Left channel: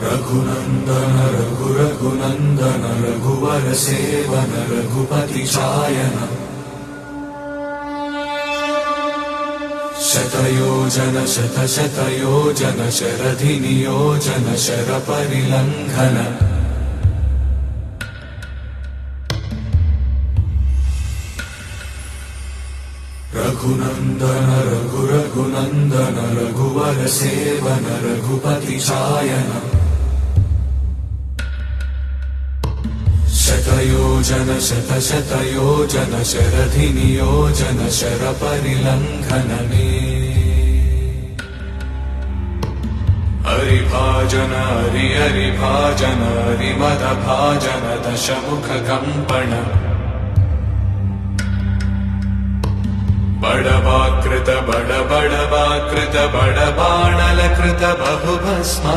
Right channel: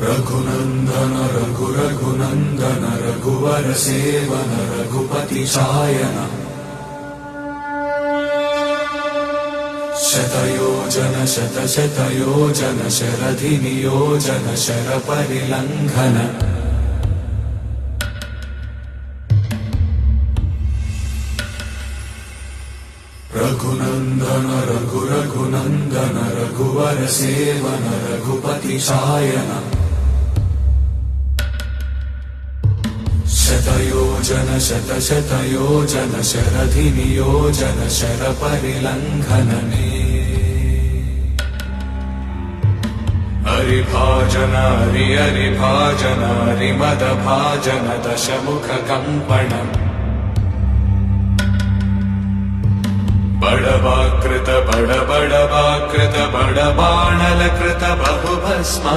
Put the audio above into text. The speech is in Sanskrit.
रघुनन्दन रघुनन्दन रघुवर सेवन रघुपति चायन शतयोजन शतशतयोजन शरधि नियोजन शरपरिलङ्घन रघुनन्दन रघुनन्दन रघुवर सेवन रघुपति चायन शतयोजन शतशतयोजन शरधि नियोजन शरपरिलङ्घन हरिभाजन हरिभाजन हरिमदभाजन दशमुख कंपन बड़वाकृत बड़वाकृत बड़बाणलकृत बहुभस्म